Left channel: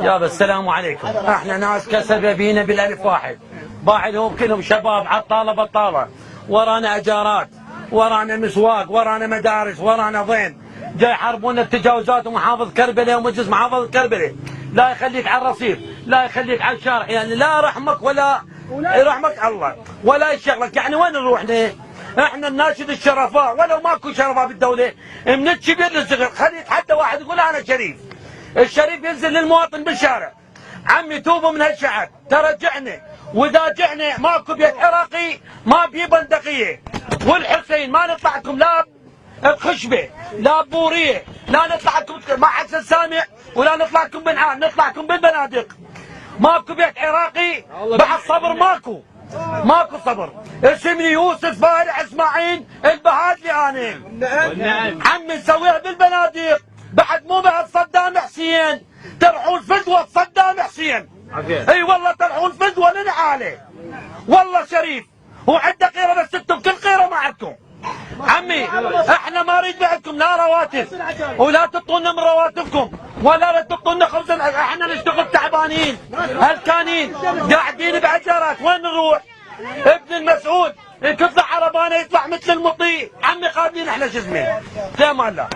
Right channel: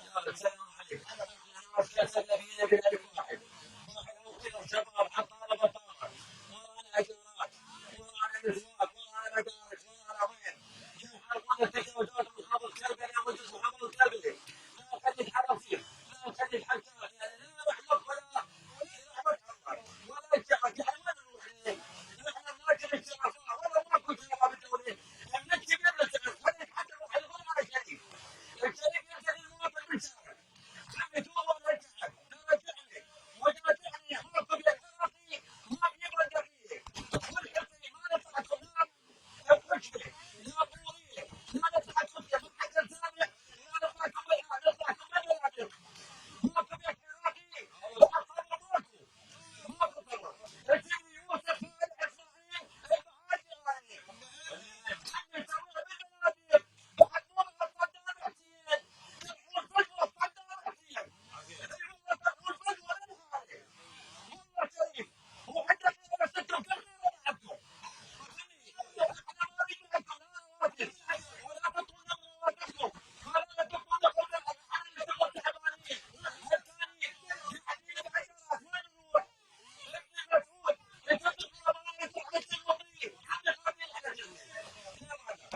يابا السلام عليكم. احنا ناس كسبه بينا بالالف واحد، باعلهم كلهم شباب عطاله بطاله، ورانا اجارات، ورانا مسواق، ورانا مدارس، ورانا ضين، جاي يحاربونا التجاوزات ومحافظ كربلاء ومجلس محافظ كربلاء، لا يخليك على الرصيف، لا يخليك على الشارع، يعني لا رحمك ولا يرحمك الله ولا يشغلك، يعني وين نروح احنا نناشد الشرفاء ولو ماكو شرفاء بالدوله، من الكبير للصغير، خلي يتحدى واحد يقول انا شريف. الشريف ينزل للمواطن بالشارع، عمي توبوا من هالشعب، ترى جعنا، واذا جعنا ماكو بيت عراقي ما بيه بندقيه، والحسين ما نطلع لكم لا بخشبه لا بوريه، لا نطلع لكم مع حسن سامع ولا نطلع لكم بنعان، نطلع لكم بالبنادق. ماكو بيت عراقي بعد صبر ماكو، ماكو صبر. اسمي يوسف فارع اسماعيل البهادلي انا. عمي نسويها بالبنادق، بعد مو بعد صدام حسين، ترحون فدوه صدام حسين. اي والله ترحون فدوه لنعاله. والله شريف وعنده قيره، بس انتم كل قيره ما عندكم. عمي احنا ما نريد معكم لا رواتب، ولا تعطونا من رواتبكم، ولا تعطونا خبز، احنا نشتغل تعبانين هلكانين قاعدين بعجرات، وين نروح؟ ابن المسؤول يطلع عربانه يطلع مثل المطيع، عمي قادرين احنا شو اسمه؟ في امان الله.